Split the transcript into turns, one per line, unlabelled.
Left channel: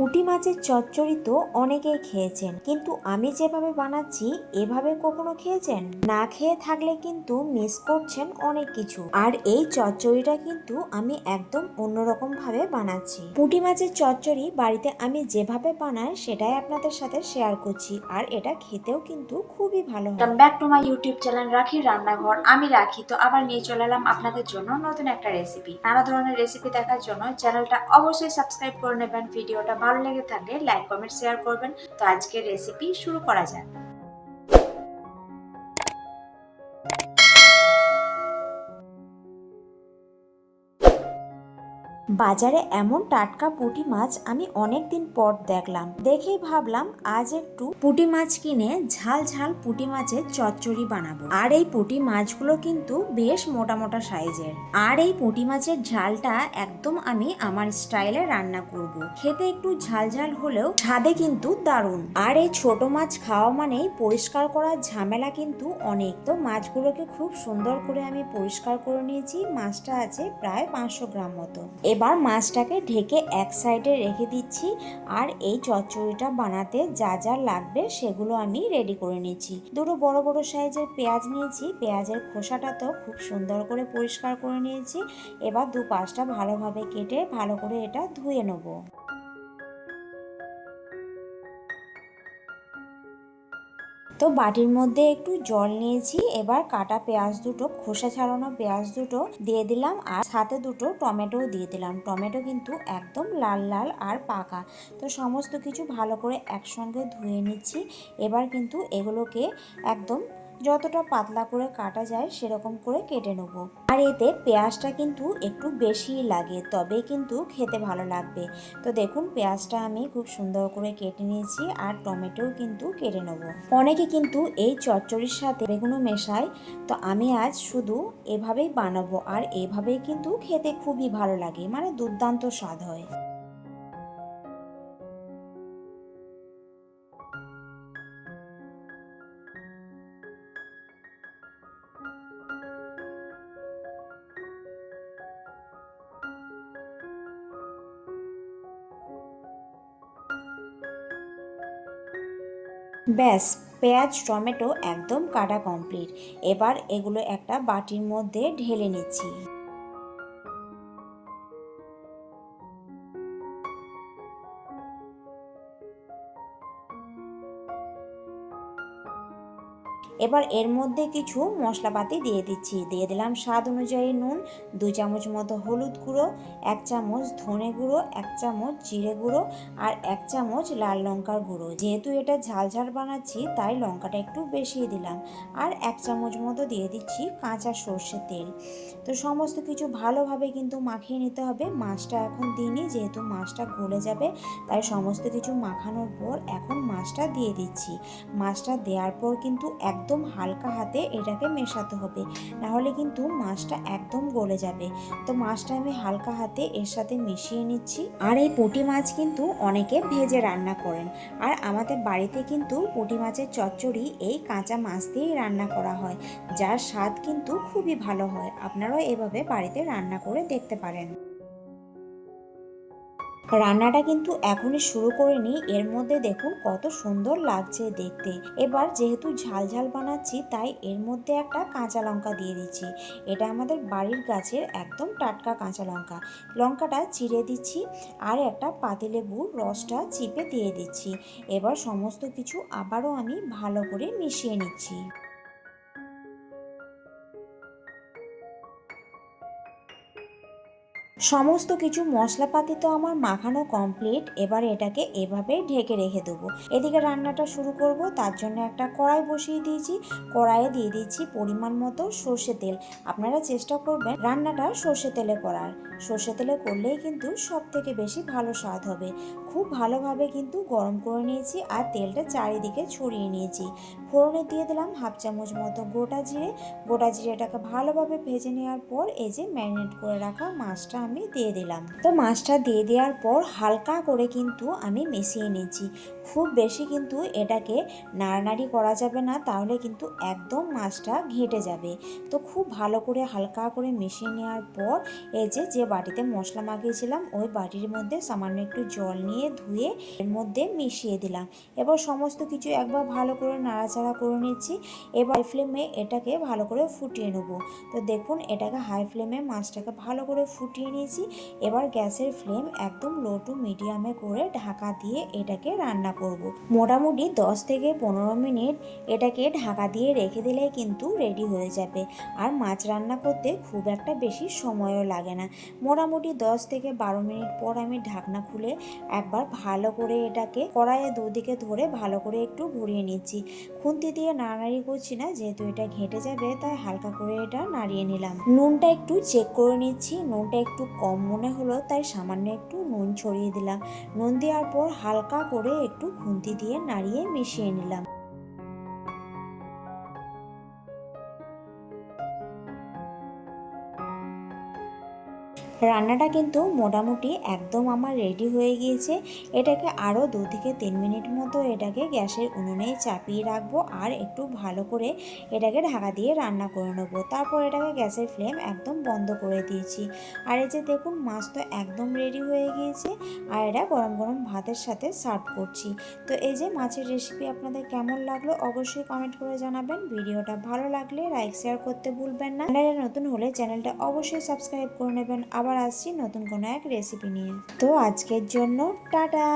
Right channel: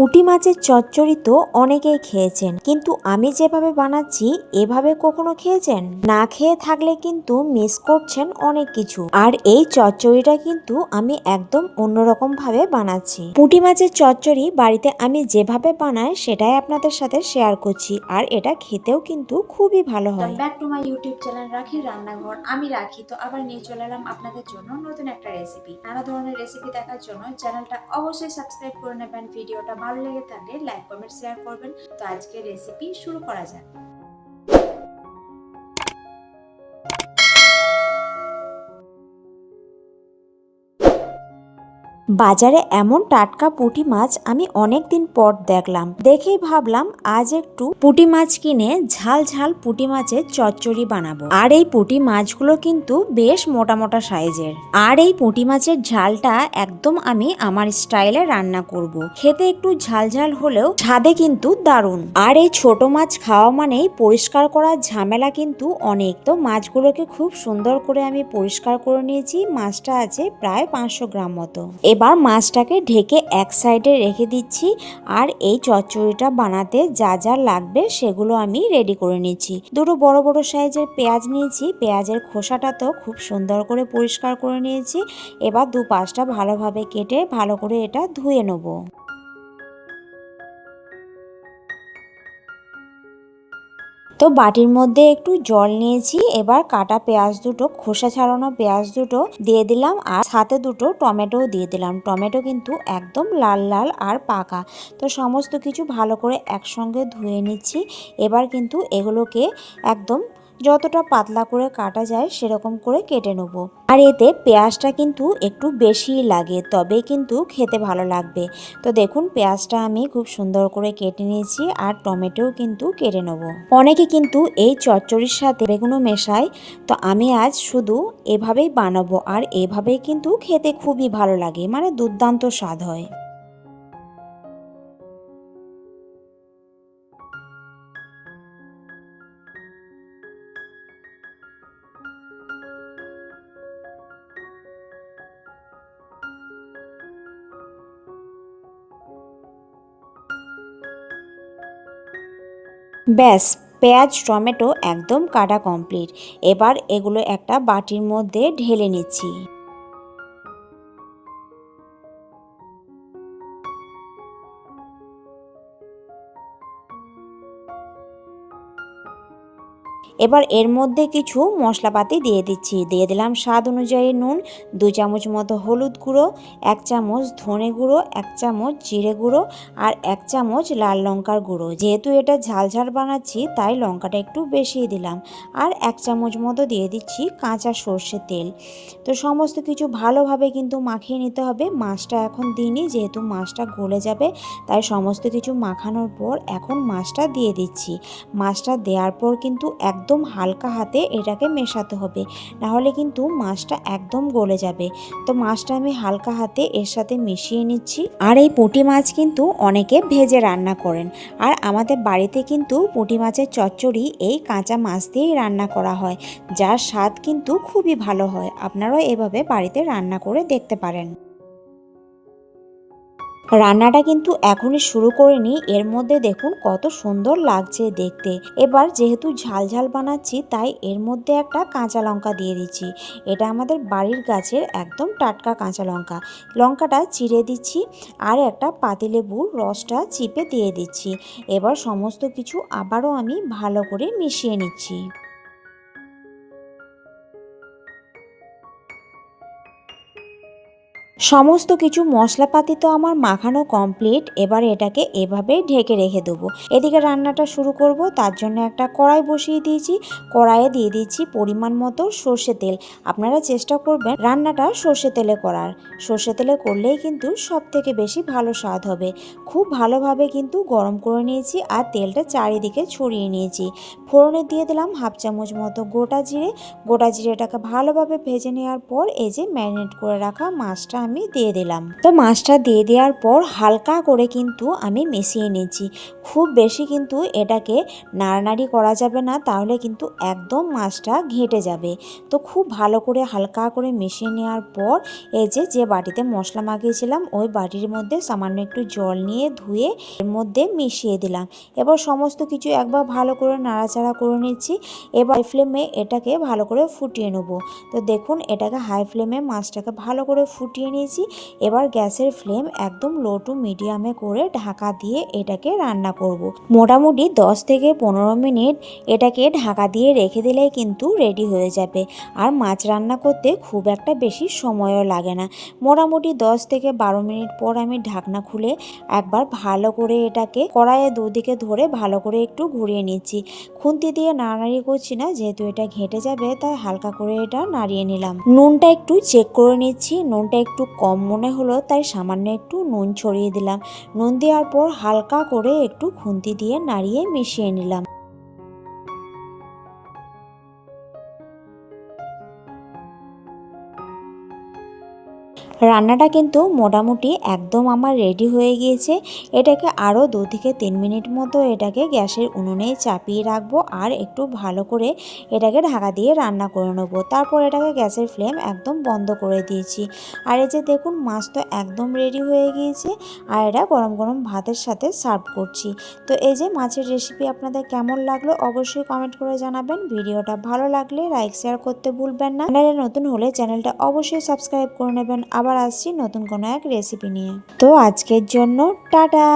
পুঁটি মাছের চচ্চড়ি তো অনেকেই খেয়েছেন। কিন্তু আমি যেভাবে বানাচ্ছি, এভাবে কখনো খেয়েছেন? না খেয়ে থাকলে কিন্তু মিস করছেন অনেক কিছু। আর এই চচ্চড়িটা কিন্তু আমি একদম অন্যরকম ভাবে বানাচ্ছি। পুঁটি মাছের চচ্চড়ি বাড়িতে আমি যেভাবে বানাই, সেটাই আপনাদের সাথে শেয়ার করছি। আর এটা খেতেও কিন্তু খুবই ভালো হয়।
Back to my YouTube channel Rakhi Rannaghar. আমি রাখি। তো আবার নিয়ে চলে এলাম আপনাদের জন্য নতুন একটা রেসিপি নানা ধরনের রেসিপি দেখার জন্য চ্যানেলটা অবশ্যই সাবস্ক্রাইব করে নেবেন। ভিডিওটা ভালো লেগে থাকলে লাইক কমেন্ট শেয়ার করবেন। তো আজকের রেসিপি শুরু করা যাক।
বাজারে এমন টাটকা পুঁটি মাছ আমি অনেক দিন পর দেখলাম। দেখেই ভাবলাম, আজ একটু পুঁটি মাছ কিনে ঝাল ঝাল পুঁটি মাছের চচ্চড়ি বানাবো। আর এই পুঁটি মাছগুলো কিন্তু বেশ মোটা মোটা সাইজের। আর এই পুঁটি মাছের ঝালটা একদম আমি আমার স্টাইলে রান্না করব। খেতে একটু ঝাল ঝাল হলেও স্বাদে কিন্তু দারুণ। আর এই ছোট মাছ খাওয়া মানেই পরিষ্কার করার ঝামেলা কিন্তু অনেক। তো মাছগুলোকে খুব সুন্দর করে আমি পরিষ্কার করে নিয়েছি। মাছটা আছে প্রায় পাঁচশো গ্রাম মতো। এবার মাছটাকে ঢেকে এক সাইডে রেখে দিচ্ছি আর এই চচ্চড়িটা বানাতে যা যা লাগবে সেগুলো আমি রেডি করে নিচ্ছি। দুটো বড় বড় সাইজের পেঁয়াজ নিয়েছি, পেঁয়াজের খোসাটা তো খুব সুন্দর করে পরিষ্কার করে নিয়েছি। এবার দু পাঁচটা ভালোভাবে কেটে ভালো করে এটা ধুয়ে নেব। তো বাটির মধ্যে একটু জল নিয়েছি, এবার কাটা পেঁয়াজ দুটো, খোসা ছাড়ানো পেঁয়াজ দুটো দিয়ে দিলাম আর সাথে দুটো টমেটোও দিয়ে দিলাম। টমেটো কিন্তু একদম লাল লাল আর পাকা। তো সমস্ত কিছু ভালো করে একসঙ্গে ধুয়ে নিচ্ছি। এবার কিন্তু এগুলোকে একদম যতটা পাতলা করে কাটা যায়, সেরকম করে কেটে নেব। আর এতে পেঁয়াজটা কিন্তু একটু বেশিই লাগে, তবে কিন্তু খেতে ভালো লাগবে। তো দেখুন, পেঁয়াজটা আমি খুব সুন্দর করে কেটে নিয়েছি আর টমেটোও কিন্তু কেটে নেব। অনেকে কিন্তু এই চচ্চড়ির সাথে বেগুনও মেশায়, তো আমি আজ শুধু এভাবেই বানাবো আর এভাবেই কিন্তু খেতে খুবই ভালো লাগে মানে দুর্দান্ত স্বাদ হয়। ব্যাস পেঁয়াজ টমেটো একদম কাটা কমপ্লিট এবার এগুলো একটা বাটির মধ্যে ঢেলে নিচ্ছি। এবার এর মধ্যে কিছু মশলাপাতি দিয়ে দিচ্ছি। দিয়ে দিলাম স্বাদ অনুযায়ী নুন, দু চামচ মতো হলুদ গুঁড়ো, এক চামচ ধনে গুঁড়ো, এক চামচ জিরে গুঁড়ো আর এক চামচ লাল লঙ্কার গুঁড়ো। যেহেতু এটা ঝাল ঝাল বানাচ্ছি, তাই লঙ্কাটা একটু বেশি দিলাম। আর এক চামচ মতো দিয়ে দিচ্ছি কাঁচা সর্ষে তেল। তো সমস্ত কিছু ভালোভাবে কিন্তু মাখিয়ে নিতে হবে। মাছটা এখন দিইনি, যেহেতু মাছটা গলে যাবে, তাই সমস্ত কিছু মাখানোর পর এখন মাছটা দিয়ে দিচ্ছি। মাছটা দেওয়ার পর কিন্তু একদম হালকা হাতে এটাকে মেশাতে হবে। নাহলে কিন্তু মাছটা একদম গলে যাবে। তো মাছটা আমি হালকা হাতে এর সাথে মিশিয়ে নিচ্ছি। আর এই পুঁটি মাছ কিন্তু অনেকে ভেজে রান্না করেন। আর আমাদের বাড়িতে কিন্তু পুঁটি মাছের চচ্চড়ি এই কাঁচা মাছ দিয়েই রান্না করা হয়। যার স্বাদ কিন্তু খুবই ভালো হয়। আপনারাও এভাবে বাড়িতে রান্না করে দেখতে পারেন। রান্নাটা কিন্তু এখনই শুরু করিনি এর মধ্যে দেখুন কত সুন্দর লাগছে দেখতে। এবার যেহেতু ঝাল ঝাল বানাচ্ছি, তাই এর মধ্যে একটা কাঁচা লঙ্কা দিয়ে দিচ্ছি। এটা আমাদের বাড়ির গাছের একদম টাটকা কাঁচা লঙ্কা। লঙ্কাটা চিড়ে দিচ্ছি আর একটা পাতিলেবুর রসটা চিপে দিয়ে দিচ্ছি। এবার সমস্ত কিছু আবারও আমি ভালো করে মিশিয়ে নিচ্ছি। সমস্ত কিছু মশলাপাতি তো আমার মাখানো কমপ্লিট এবার এটাকে এভাবে ঢেকে রেখে দেবো। এদিকে রান্নাটা শুরু করব, তার জন্য একটা কড়াই বসিয়ে দিয়েছি। কড়াইয়ে দিয়ে দিচ্ছি পরিমাণ মতো সর্ষে তেল। আপনারা চেষ্টা করবেন রান্নাটা সর্ষে তেলে করার। সর্ষে তেলে করলেই কিন্তু সব থেকে বেশি ভালো স্বাদ হবে। খুব ভালোভাবে কিন্তু গরম করে নিয়েছি আর তেলটা চারিদিকে ছড়িয়ে নিয়েছি। ফোড়নে দিয়ে দিলাম হাফ চামচ মতো গোটা জিরে। গোটা জিরেটাকে ভালোভাবে ভেজে নেওয়ার পর এই যে ম্যারিনেট করে রাখা মাছটা আমি দিয়ে দিলাম। তো মাছটা দিয়ে দেওয়ার পর হালকা করে কিন্তু আমি মিশিয়ে নিয়েছি খুব বেশি কিন্তু এটাকে নাড়ানাড়ি করা যাবে না, তাহলে কিন্তু একদম মাছটা ঘেঁটে যাবে। তো খুব ভালো করে হালকা করে মিশিয়ে নেওয়ার পর এই যে যে বাটিতে মশলা মাখিয়েছিলাম, ওই বাটির মধ্যে সামান্য একটু জল নিয়ে ধুয়ে এর মধ্যে মিশিয়ে দিলাম। এবার সমস্ত কিছু একবার ভালো করে নাড়াচাড়া করে নিচ্ছি। এবার ফ্লেমে এটাকে ভালো করে ফুটিয়ে নেব। তো দেখুন, এটাকে হাই ফ্লেমে মাছটাকে ভালো করে ফুটিয়ে নিয়েছি। এবার গ্যাসের ফ্লেম একদম লো টু মিডিয়ামে করে ঢাকা দিয়ে এটাকে রান্না করব। মোটামুটি 10 থেকে পনেরো মিনিট এটাকে ঢাকা দিয়ে রেখে দিলেই কিন্তু রেডি হয়ে যাবে। আর মাছ রান্না করতে খুব একটা বেশি সময়ও লাগে না। মোটামুটি 10 থেকে বারো মিনিট পর আমি ঢাকনা খুলে একবার ভালো করে এটাকে কড়াইয়ে দুদিকে ধরে ভালো করে একটু ঘুরিয়ে নিচ্ছি। খুন্তি দিয়ে নাড়াড়ি করছি না, যেহেতু এটা ঘেটে যাবে, তাই হালকা করে এটা নাড়িয়ে নিলাম। নুনটা একটু চেক করে নিচ্ছি। নুনটা একটু কম মনে হলো, তাই সামান্য একটু নুন ছড়িয়ে দিলাম। নুন দেওয়ার পর হালকা করে একটু খুন্তি দিয়ে নাড়িয়ে মিশিয়ে নিলাম। রান্নাটা কিন্তু মোটামুটি একদম আমার রেডি হয়ে গিয়েছে। এটাকে আরও দু থেকে তিন মিনিট মতো এটাকে গ্যাসের উনুনে চাপিয়ে রাখব আর একটু ভালো করে এটাকে ঢাকা দিয়ে রান্না করে নেব। তারপর এটাকে গ্যাসের ফ্লেম একদম বন্ধ করে দিয়েছি। আর এই যে দেখুন, মাছ তো একদম রেডি হয়ে গিয়েছে আর এটা গরম গরম ভাতের সাথে সার্ভ করছি। তো এই যে মাছের রেসিপি আপনাদের কেমন লাগল অবশ্যই কমেন্ট করে জানাবেন। ভিডিওটা ভালো লাগলে লাইক শেয়ার করতে ভুলবেন না। চ্যানেলে নতুন হলে চ্যানেলটা অবশ্যই সাবস্ক্রাইব করে নেবেন। আবার আসছি নতুন কোনো এক রেসিপি নিয়ে। তো আজকের জন্য টাটা!